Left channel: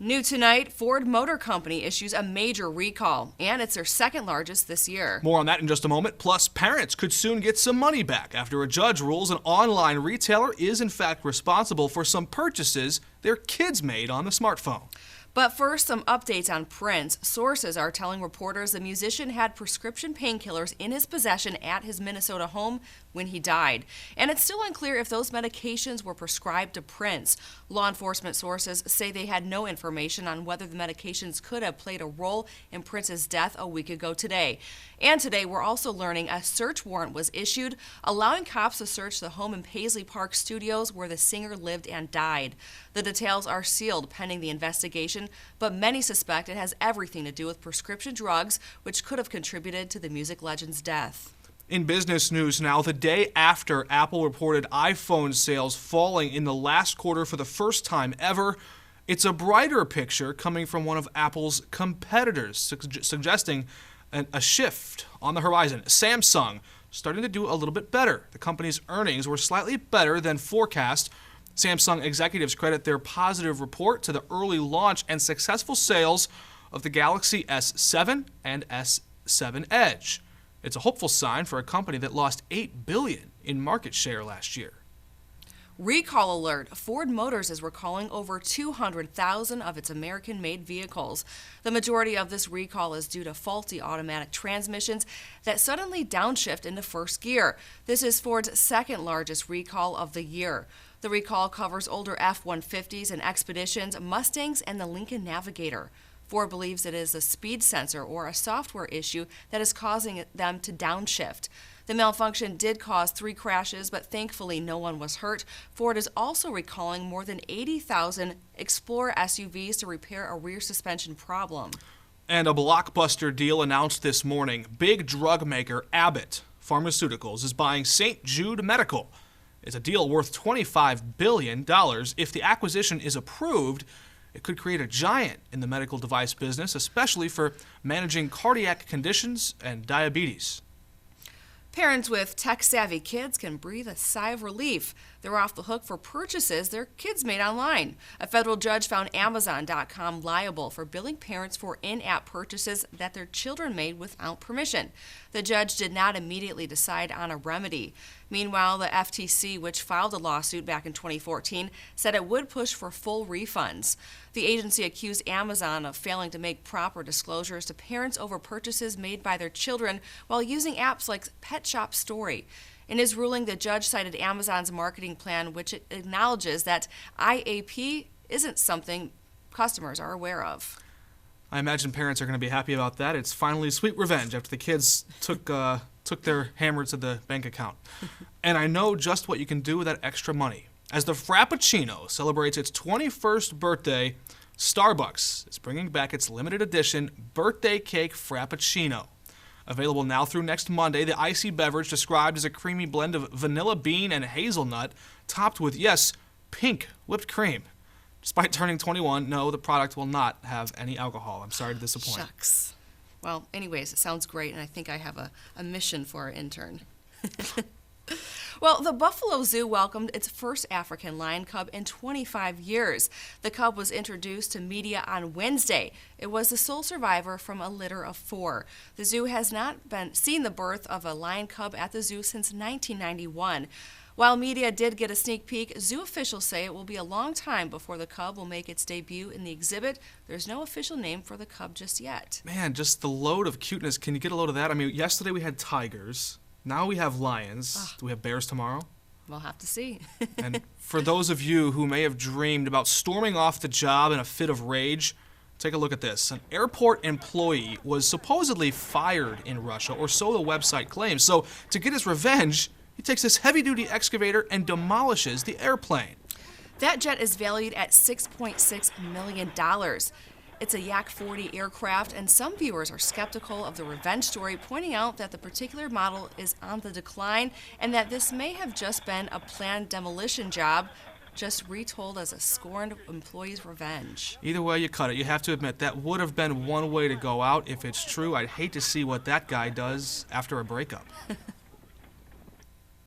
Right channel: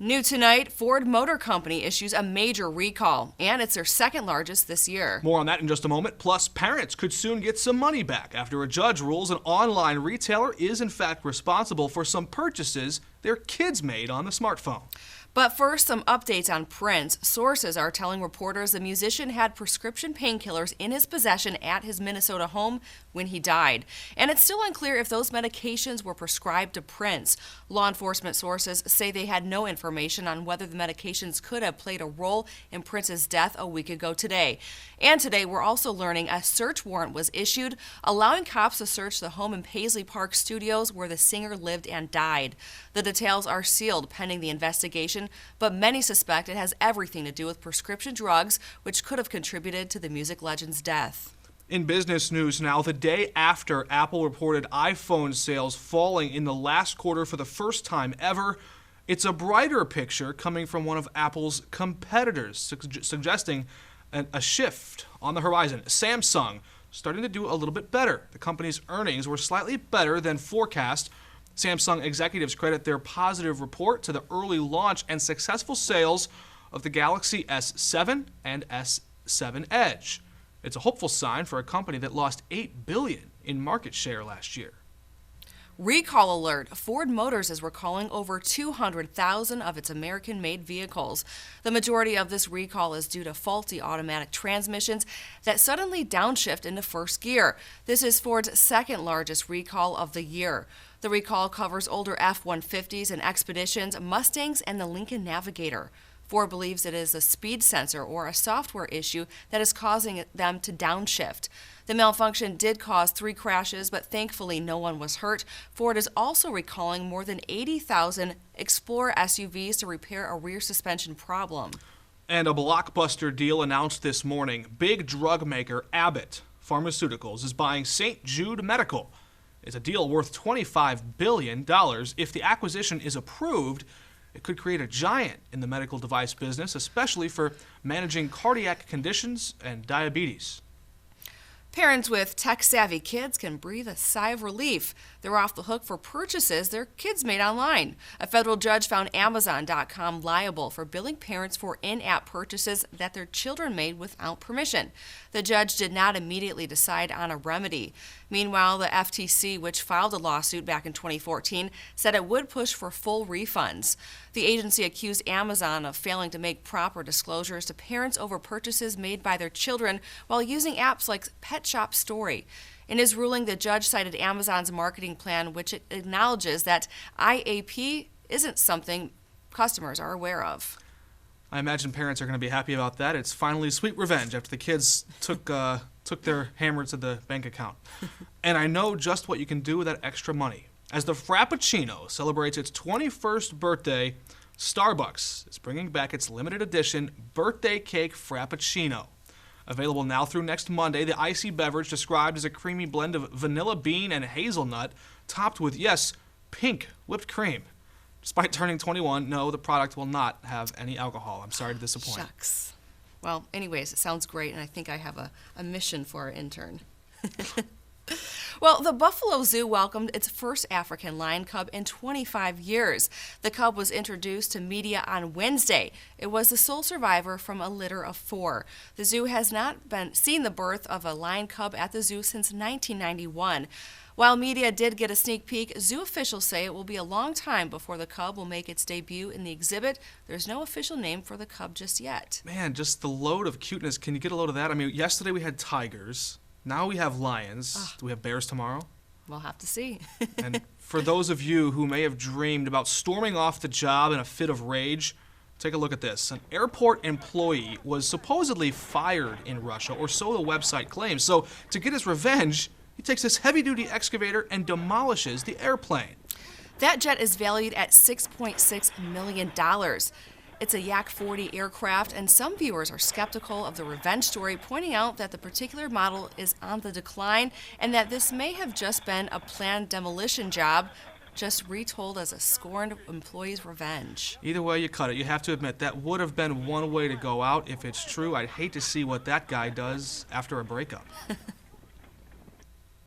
New tonight, Ford Motor Company issues a major recall, and it's their second largest this year. More on that in just a moment. Plus, parents could soon get some money back after a judge rules an online retailer is in fact responsible for some purchases their kids made on the smartphone. But first, some updates on Prince. Sources are telling reporters the musician had prescription painkillers in his possession at his Minnesota home when he died. And it's still unclear if those medications were prescribed to Prince. Law enforcement sources say they had no information on whether the medications could have played a role in Prince's death a week ago today. And today, we're also learning a search warrant was issued, allowing cops to search the home in Paisley Park Studios where the singer lived and died. The details are sealed pending the investigation, but many suspect it has everything to do with prescription drugs, which could have contributed to the music legend's death. In business news now, the day after Apple reported iPhone sales falling in the last quarter for the first time ever, it's a brighter picture coming from one of Apple's competitors, suggesting a shift on the horizon. Samsung starting to do a little bit better. The company's earnings were slightly better than forecast. Samsung executives credit their positive report to the early launch and successful sales of the Galaxy S7 and S7 Edge. It's a hopeful sign for a company that lost $8 billion in market share last year. Recall alert. Ford Motors is recalling over 200,000 of its American-made vehicles. The majority of this recall is due to faulty automatic transmissions that suddenly downshift into first gear. This is Ford's second largest recall of the year. The recall covers older F-150s and Expeditions, Mustangs, and the Lincoln Navigator. Ford believes it is a speed sensor or a software issue that is causing them to downshift. The malfunction did cause 3 crashes, but thankfully no one was hurt. Ford is also recalling more than 80,000 Explorer SUVs to repair a rear suspension problem. And a blockbuster deal announced this morning. Big drug maker Abbott Pharmaceuticals is buying St. Jude Medical. It's a deal worth $25 billion. If the acquisition is approved, it could create a giant in the medical device business, especially for managing cardiac conditions and diabetes. Parents with tech-savvy kids can breathe a sigh of relief. They're off the hook for purchases their kids made online. A federal judge found Amazon.com liable for billing parents for in-app purchases that their children made without permission. The judge did not immediately decide on a remedy. Meanwhile, the FTC, which filed a lawsuit back in 2014, said it would push for full refunds. The agency accused Amazon of failing to make proper disclosures to parents over purchases made by their children while using apps like Pet Shop Story. In his ruling, the judge cited Amazon's marketing plan, which it acknowledges that IAP isn't something customers are aware of. I imagine parents are going to be happy about that. It's finally sweet revenge after the kids took their hammer to the bank account. And I know just what you can do with that extra money. As the Frappuccino celebrates its 21st birthday, Starbucks is bringing back its limited edition birthday cake Frappuccino. Available now through next Monday, the icy beverage described as a creamy blend of vanilla bean and hazelnut, topped with, yes, pink whipped cream. Despite turning 21, no, the product will not have any alcohol. I'm sorry to disappoint. Shucks. Well, anyways, it sounds great, and I think I have a mission for our intern. Well, the Buffalo Zoo welcomed its first African lion cub in 25 years. The cub was introduced to media on Wednesday. It was the sole survivor from a litter of 4. The zoo has not seen the birth of a lion cub at the zoo since 1991. While media did get a sneak peek, zoo officials say it will be a long time before the cub will make its debut in the exhibit. There's no official name for the cub just yet. Man, just the load of cuteness. Can you get a load of that? I mean, yesterday we had tigers. Now we have lions. Do we have bears tomorrow? We'll have to see. And for those of you who may have dreamed about storming off the job in a fit of rage, take a look at this. An airport employee was supposedly fired in Russia, or so the website claims. So to get his revenge, he takes this heavy-duty excavator and demolishes the airplane. That jet is valued at $6.6 million. It's a Yak 40 aircraft, and some viewers are skeptical of the revenge story, pointing out that the particular model is on the decline and that this may have just been a planned demolition job, just retold as a scorned employee's revenge. Either way you cut it, you have to admit that would have been one way to go out. If it's true, I'd hate to see what that guy does after a breakup.